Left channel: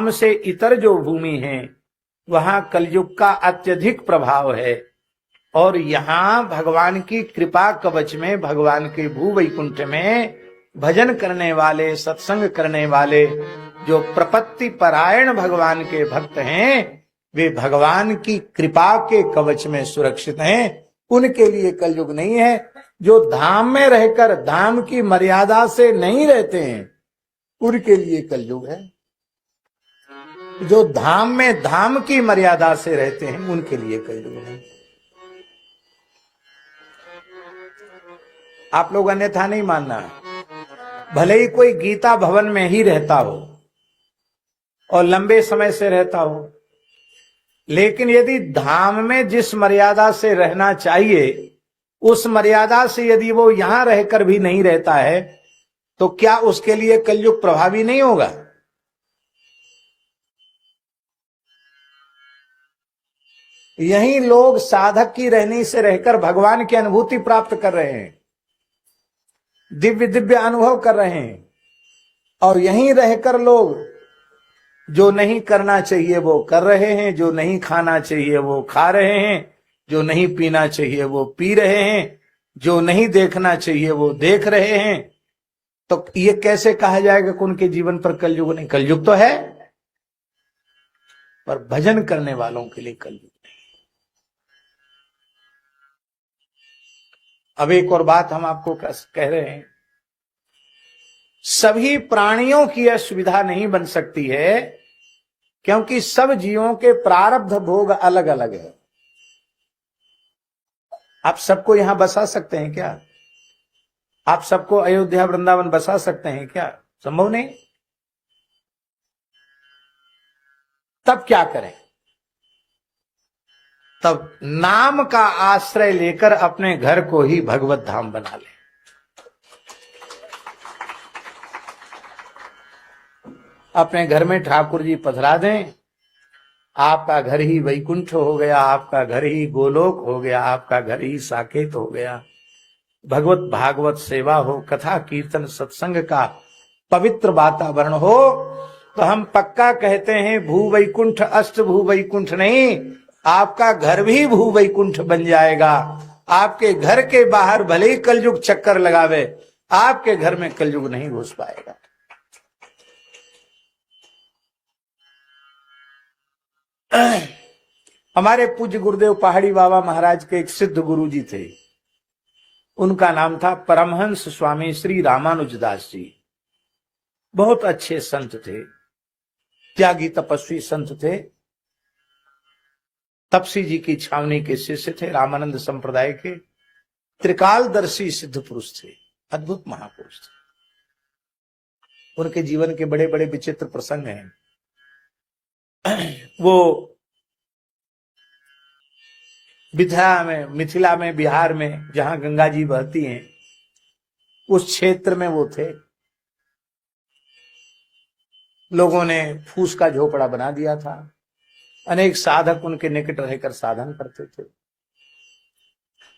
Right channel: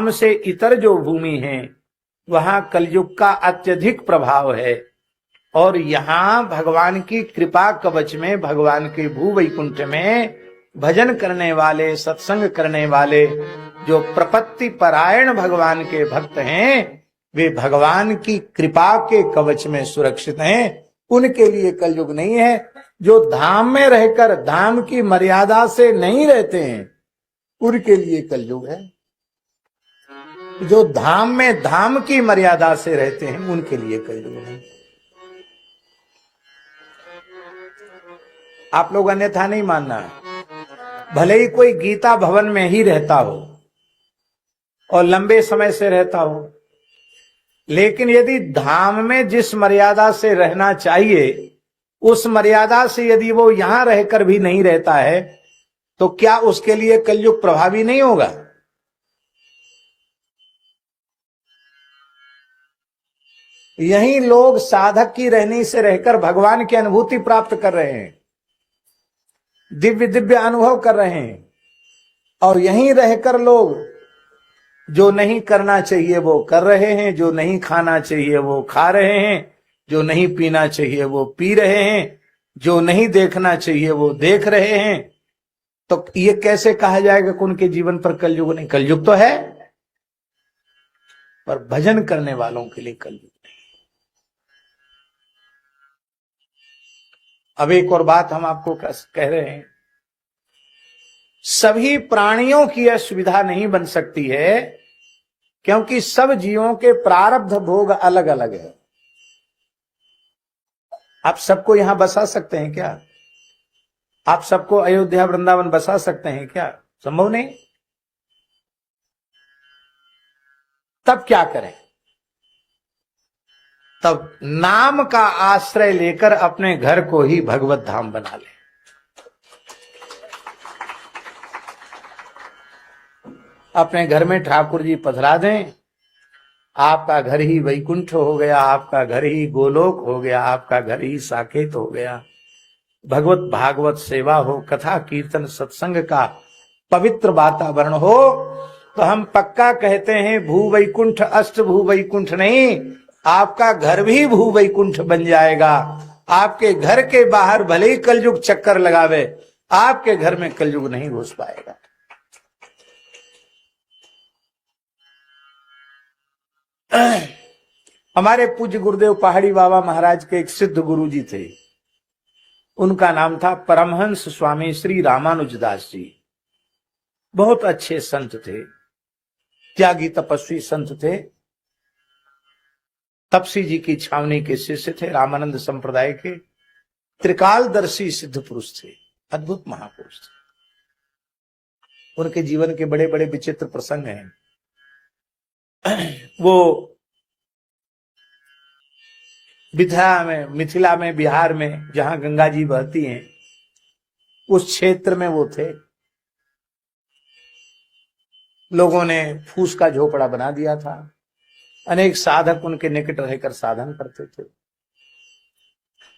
धाम से इतर जो भूमि है वहां कलयुग का अत्यधिक प्रभाव है, और यहाँ भगवान की कृपा कवच में, भगवान के भू वैकुंठ में भजन करने वाले, सत्संग करने वाले जो प्रपत्ति परायण भगवान के भक्त हैं, वे भगवान की कृपा के कवच में सुरक्षित हैं। उनके लिए कलयुग नहीं है। जो धाम में रहकर धाम की मर्यादा से नहीं रहते हैं, उनके लिए कलयुग है। जो धाम में धाम की मर्यादा से रहते हैं, उनके लिए कलयुग नहीं। आप लोग अन्यथा नहीं मानना। भले ही कोई गीता भवन में ही रहता हो और लंबे समय से रहता हो, लेकिन यदि धाम में जिस मर्यादा से रहना चाहिए उस मर्यादा से यदि वो यहां रहकर भी नहीं रहता है, तो क्या उसके लिए कलयुग प्रभावी नहीं होगा? यही लोग साधक की रहनी से रहकर भगवान की अनुभूति प्राप्त कर रहे हैं, दिव्य दिव्य अनुभव कर रहे हैं, और यहीं रहकर लोग जो नहीं करना चाहिए वो कर रहे हैं, जो नहीं खाना चाहिए वो खा रहे हैं, जो नहीं पीना चाहिए वो पी रहे हैं, जो नहीं देखना चाहिए वो देख रहे हैं। तो ये कैसे कहा जाएगा कि उनके जीवन पर कलयुग नहीं? कलयुग तो है, पर भजन करने वालों के लिए कलयुग नहीं। अब एक और बात हम आपको कह रहे हैं, सभी प्राणियों की यह सुविधा नहीं बन सकती है, क्योंकि सब जीवों के प्रारब्ध भोग अलग अलग है। आप सबको यहां बसा सकते हैं क्या? आप सबको अयोध्या वृंदावन बसा सकते हैं क्या? संभव नहीं। तब क्या करें? तब नाम का आश्रय लेकर अपने घर को ही भगवत धाम बना लें। अपने घर में ठाकुर जी पधरा दें, आपका घर ही वैकुंठ हो गया, आपका घर ही गोलोक हो गया, आपका घर ही साकेत हो गया। भगवत भागवत सेवा हो, कथा कीर्तन सत्संग का पवित्र वातावरण हो, तो हम पक्का कहते हैं भू वैकुंठ अष्ट भू वैकुंठ नहीं, आपका घर भी भू वैकुंठ बन जाएगा। आपके घर के बाहर भले ही कलयुग चक्कर लगावे, आपके घर में कलयुग नहीं घुस पाएगा। हमारे पूज्य गुरुदेव पहाड़ी बाबा महाराज के एक सिद्ध गुरु जी थे, उनका नाम था परमहंस स्वामी श्री रामानुजदास जी। बहुत अच्छे संत थे, त्यागी तपस्वी संत थे, तपसी जी की छावनी के शिष्य थे, रामानंद संप्रदाय के त्रिकालदर्शी सिद्ध पुरुष थे, अद्भुत महापुरुष थे। उनके जीवन के बड़े बड़े विचित्र प्रसंग हैं। वो मिथिला में बिहार में जहां गंगा जी बहती हैं, उस क्षेत्र में वो थे। लोगों ने फूस का झोपड़ा बना दिया था, अनेक साधक उनके निकट रहकर साधन करते थे।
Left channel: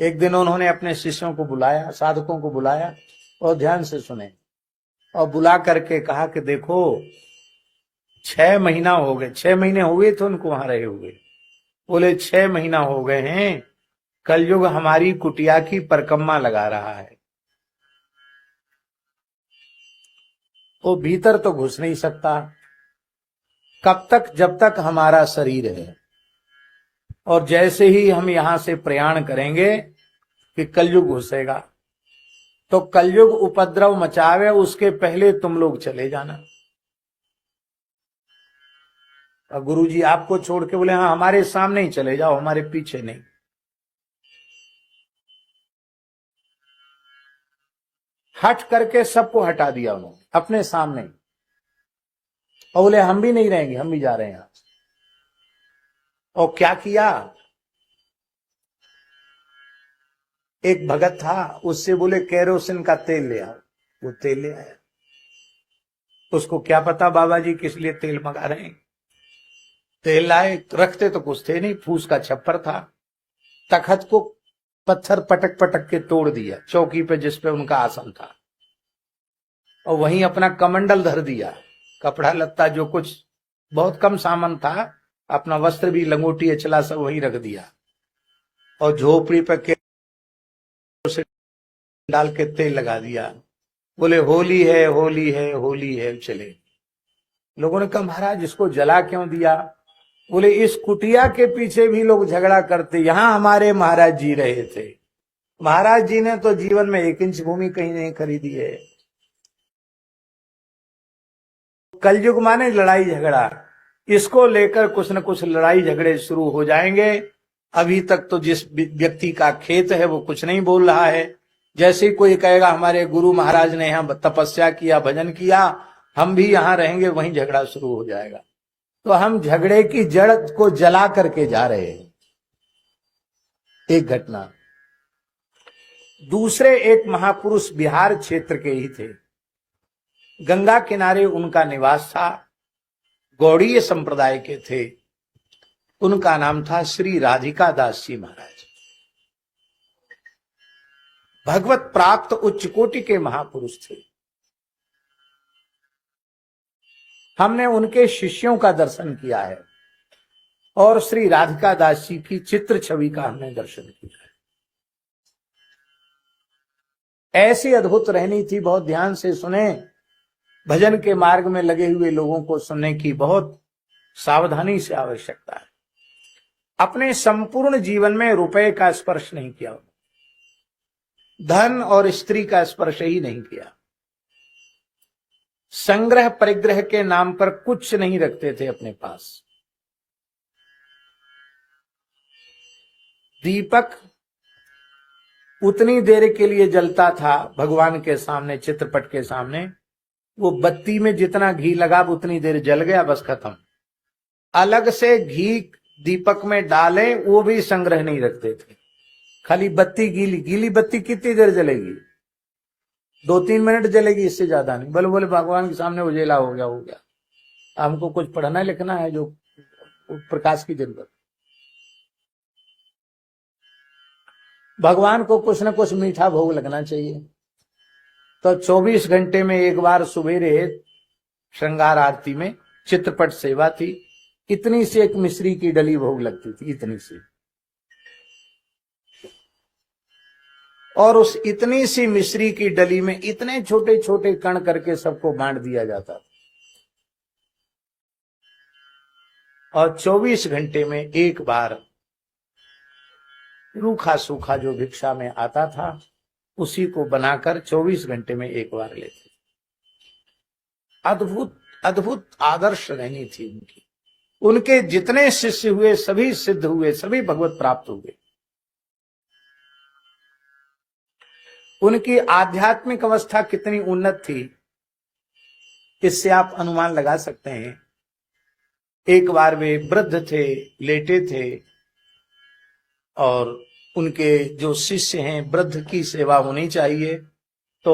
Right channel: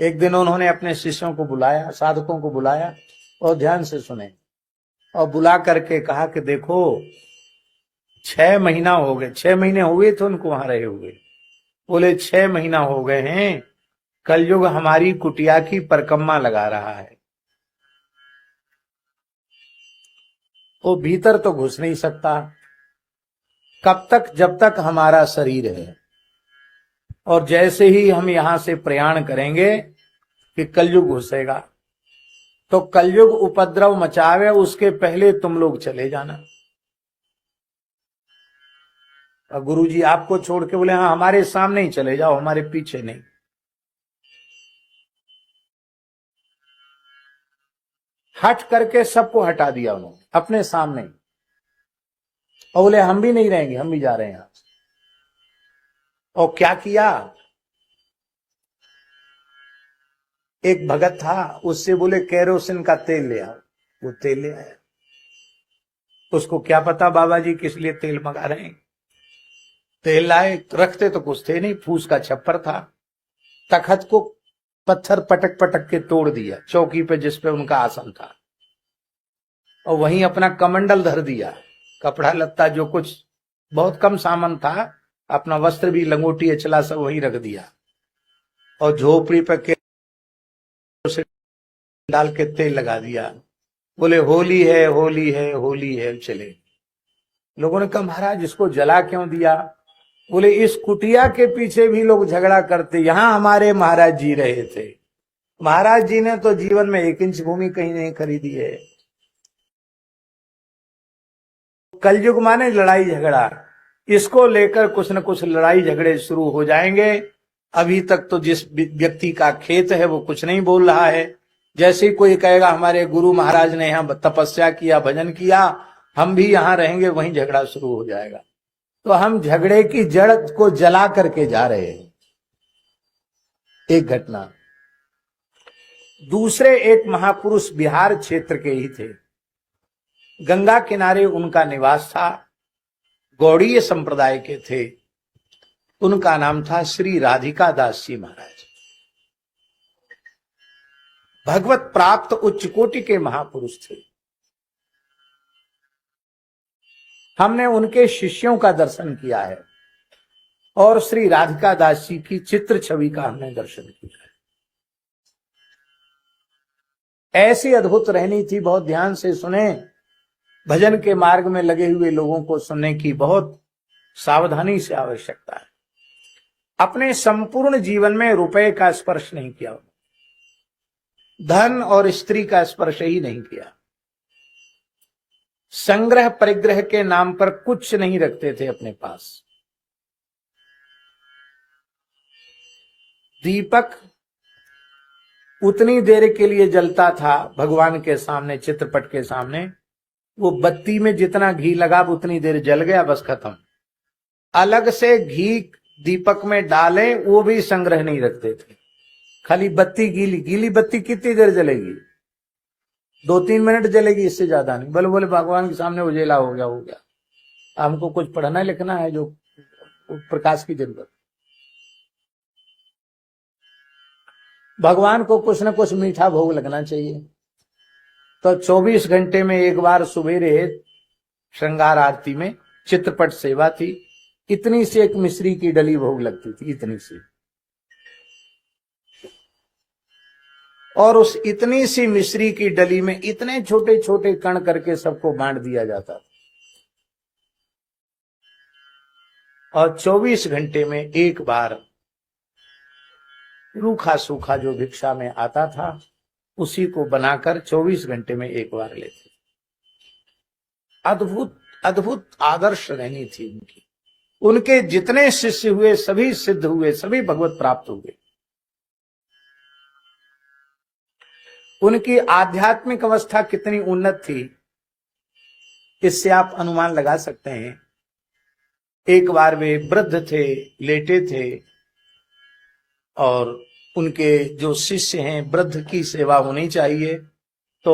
एक दिन उन्होंने अपने शिष्यों को बुलाया, साधकों को बुलाया, और ध्यान से सुने, और बुला करके कहा कि देखो 6 महीना हो गए, 6 महीने हो गए थे उनको वहां रहे हुए। बोले 6 महीना हो गए हैं, कलयुग हमारी कुटिया की परिक्रमा लगा रहा है। वो भीतर तो घुस नहीं सकता, कब तक? जब तक हमारा शरीर है। और जैसे ही हम यहां से प्रयाण करेंगे कि कलयुग घुसेगा, तो कलयुग उपद्रव मचावे, उसके पहले तुम लोग चले जाना। और गुरुजी आपको छोड़ के बोले हाँ हमारे सामने ही चले जाओ, हमारे पीछे नहीं। हट करके सबको हटा दिया उन्होंने अपने सामने, और बोले हम भी नहीं रहेंगे, हम भी जा रहे हैं यहां से। और क्या किया? एक भगत था, उससे बोले केरोसिन का तेल ले आओ। वो तेल ले आया। उसको क्या पता बाबा जी किस लिए तेल मंगा रहे हैं। तेल लाए, रखते तो कुछ थे नहीं, फूस का छप्पर था। तखत को पत्थर पटक पटक के तोड़ दिया चौकी पे जिस पे उनका आसन था, और वहीं अपना कमंडल धर दिया, कपड़ा लत्ता जो कुछ बहुत कम सामान था, अपना वस्त्र भी, लंगोटी, अचला सब वही रख दिया और झोपड़ी पर के डाल के तेल लगा दिया। बोले होली है, होली है, होली है। चले। लोगों ने कहा महाराज इसको जला क्यों दिया? बोले इस कुटिया के पीछे भी लोग झगड़ा करते, यहां हमारे महाराज जी रहे थे। महाराज जी ने तो जीवन में 1 इंच भूमि कहीं नहीं खरीदी है। कलयुग माने लड़ाई झगड़ा, इसको लेकर कुछ न कुछ लड़ाई झगड़े शुरू हो जाएंगे। अभी तक तो जिस व्यक्ति का खेत है वो कुछ नहीं बोल रहा है। जैसे कोई कहेगा हमारे गुरु महाराज ने यहाँ तपस्या किया, भजन किया, हम भी यहाँ रहेंगे, वहीं झगड़ा शुरू हो जाएगा। तो हम झगड़े की जड़ को जला करके जा रहे हैं। एक घटना। दूसरे एक महापुरुष बिहार क्षेत्र के ही थे, गंगा किनारे उनका निवास था, गौड़ीय संप्रदाय के थे। उनका नाम था श्री राधिका दास जी महाराज। भगवत प्राप्त उच्च कोटि के महापुरुष थे। हमने उनके शिष्यों का दर्शन किया है और श्री राधिका दास जी की चित्र छवि का हमने दर्शन किया है। ऐसी अद्भुत रहनी थी, बहुत ध्यान से सुने। भजन के मार्ग में लगे हुए लोगों को सुनने की बहुत सावधानी से आवश्यकता है। अपने संपूर्ण जीवन में रुपए का स्पर्श नहीं किया, धन और स्त्री का स्पर्श ही नहीं किया, संग्रह परिग्रह के नाम पर कुछ नहीं रखते थे अपने पास। दीपक उतनी देर के लिए जलता था भगवान के सामने, चित्रपट के सामने, वो बत्ती में जितना घी लगा उतनी देर जल गया, बस खत्म। अलग से घी दीपक में डालें वो भी संग्रह नहीं रखते थे। खाली बत्ती गीली, गीली बत्ती कितनी देर जलेगी? 2-3 मिनट जलेगी, इससे ज्यादा नहीं। बोले बोले भगवान के सामने उजेला हो गया, हो गया। हमको कुछ पढ़ना लिखना है जो प्रकाश की जरूरत। भगवान को कुछ न कुछ मीठा भोग लगना चाहिए। तो 24 घंटे में एक बार सवेरे श्रृंगार आरती में चित्रपट सेवा थी, इतनी सी एक मिश्री की डली भोग लगती थी, इतनी सी। और उस इतनी सी मिश्री की डली में इतने छोटे छोटे कण करके सबको बांट दिया जाता था। और 24 घंटे में एक बार रूखा सूखा जो भिक्षा में आता था उसी को बनाकर 24 घंटे में एक बार लेते। अद्भुत अद्भुत आदर्श रहनी थी उनकी। उनके जितने शिष्य हुए सभी सिद्ध हुए, सभी भगवत प्राप्त हुए। उनकी आध्यात्मिक अवस्था कितनी उन्नत थी इससे आप अनुमान लगा सकते हैं। एक बार वे वृद्ध थे, लेटे थे, और उनके जो शिष्य हैं, वृद्ध की सेवा होनी चाहिए, तो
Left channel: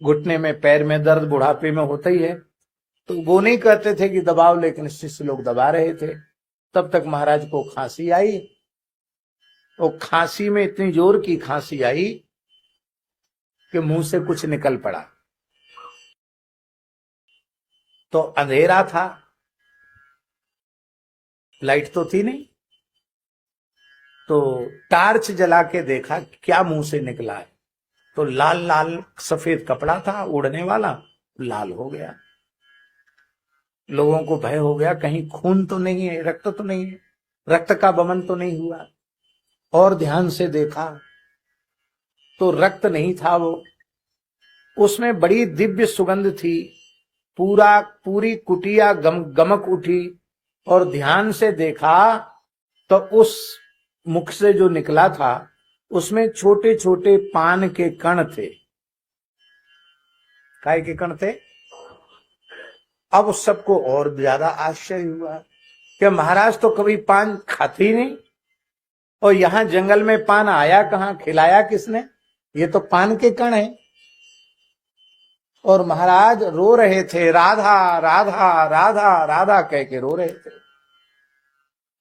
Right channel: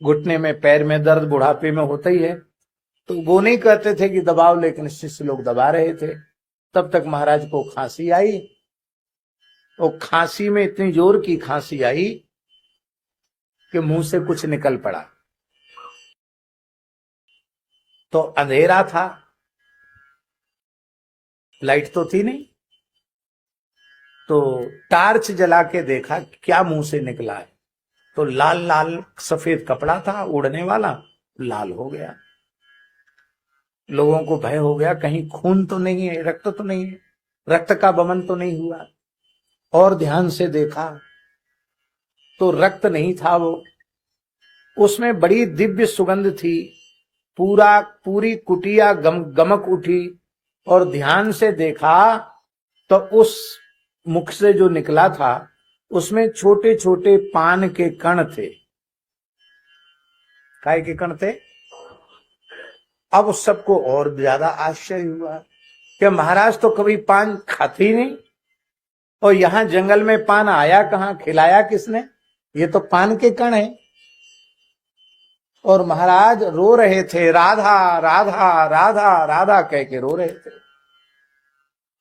घुटने में, पैर में दर्द बुढ़ापे में होता ही है, तो वो नहीं कहते थे कि दबाव, लेकिन शिष्य लोग दबा रहे थे। तब तक महाराज को खांसी आई। वो खांसी में इतनी जोर की खांसी आई कि मुंह से कुछ निकल पड़ा। तो अंधेरा था, लाइट तो थी नहीं, तो टार्च जला के देखा क्या मुंह से निकला है, तो लाल लाल सफेद कपड़ा था उड़ने वाला, लाल हो गया। लोगों को भय हो गया, कहीं खून तो नहीं है, रक्त तो नहीं है, रक्त का बमन तो नहीं हुआ। और ध्यान से देखा तो रक्त नहीं था, वो उसमें बड़ी दिव्य सुगंध थी। पूरी कुटिया गमक उठी। और ध्यान से देखा तो उस मुख से जो निकला था उसमें छोटे छोटे पान के कण थे। काय के कण थे? अब सबको और ज्यादा आश्चर्य हुआ कि महाराज तो कभी पान खाते ही नहीं, और यहां जंगल में पान आया कहां, खिलाया किसने? ये तो पान के कण है। और महाराज रो रहे थे, राधा राधा राधा राधा कह के रो रहे थे।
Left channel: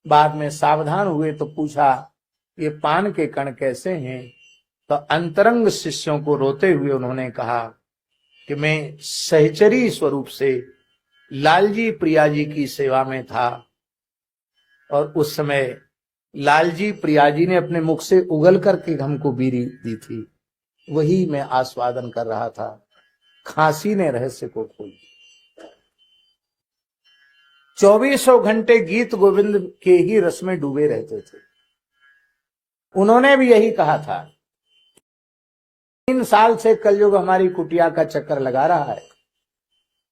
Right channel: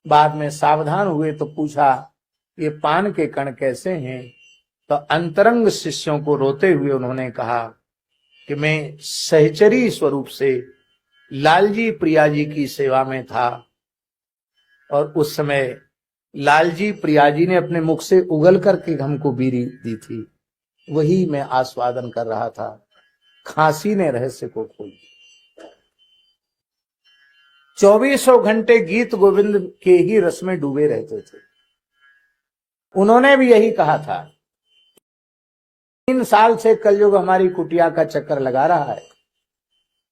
बाद में सावधान हुए तो पूछा ये पान के कण कैसे हैं? तो अंतरंग शिष्यों को रोते हुए उन्होंने कहा कि मैं सहचरी स्वरूप से लालजी प्रिया जी की सेवा में था और उस समय लालजी प्रिया जी ने अपने मुख से उगल करके हमको बीड़ी दी थी, वही मैं आस्वादन कर रहा था। खांसी ने रहस्य को खोल दिया। 2400 घंटे गीत गोविंद के ही रस में डूबे रहते थे। उन्होंने भी यही कहा था। 3 साल से कलयुग हमारी कुटिया का चक्कर लगा रहा है,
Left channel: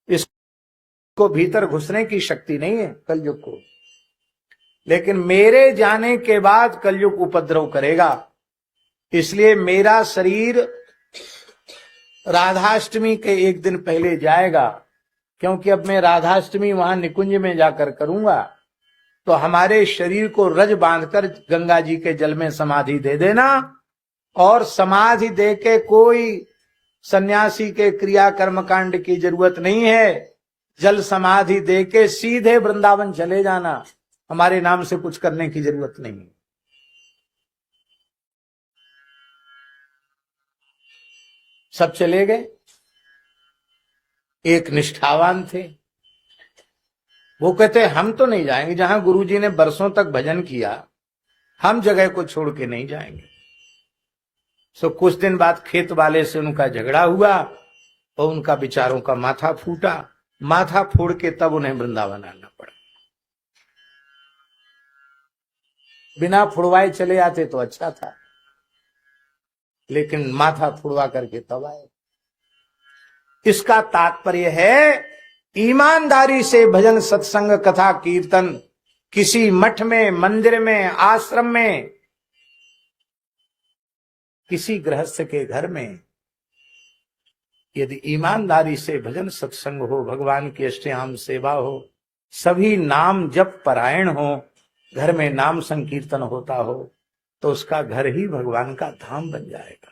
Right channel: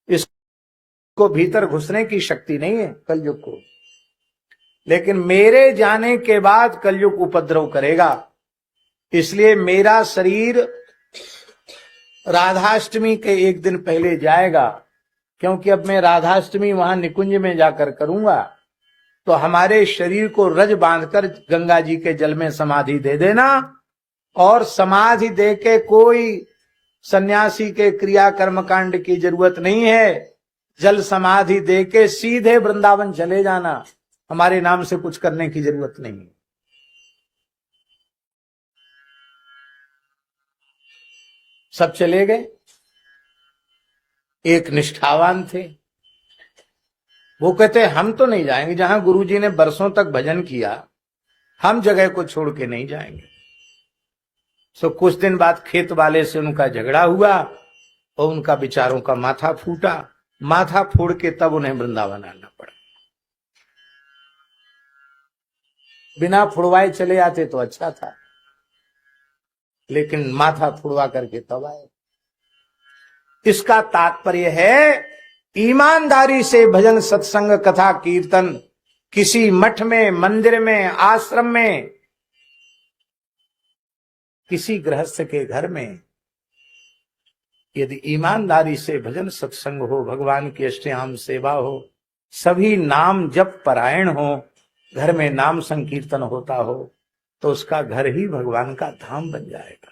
इसको भीतर घुसने की शक्ति नहीं है कलयुग को, लेकिन मेरे जाने के बाद कलयुग उपद्रव करेगा। इसलिए मेरा शरीर राधाष्टमी के एक दिन पहले जाएगा, क्योंकि अब मैं राधाष्टमी वहां निकुंज में जाकर करूंगा, तो हमारे शरीर को रज बांधकर गंगा जी के जल में समाधि दे देना। और समाधि दे के कोई सन्यासी के क्रिया कर्म कांड की जरूरत नहीं है। जल समाधि दे के सीधे वृंदावन चले जाना, हमारे नाम से कुछ करने की जरूरत नहीं। सब चले गए। एक निष्ठावान थे, वो कहते हम तो नहीं जाएंगे, जहां गुरुजी ने बरसों तक भजन किया हम जगह को छोड़ के नहीं जाएंगे। सो कुछ दिन बाद खेत वाले से उनका झगड़ा हुआ और उनका विचारों का माथा फूटा। माथा फोड़ के तब उन्हें वृंदावन आना पड़ा। बिना फुड़वाए चले आते तो अच्छा था, लेकिन माथा फुड़वा करके तब आए। इसका तात्पर्य है ईमानदारी से भजन सत्संग कथा कीर्तन किसी मठ में, मंदिर में, आश्रम में, किसी गृहस्थ के घर में यदि ईमानदारी से भजन सत्संग हो, भगवान की अष्टयाम सेवा हो, सभी नाम जप परायण हो, घर में नाम संकीर्तन होता हो, तो उसका घर ही भगवान का धाम बन जाएगा।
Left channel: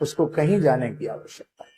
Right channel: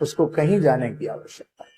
उसको कहीं जाने की आवश्यकता नहीं।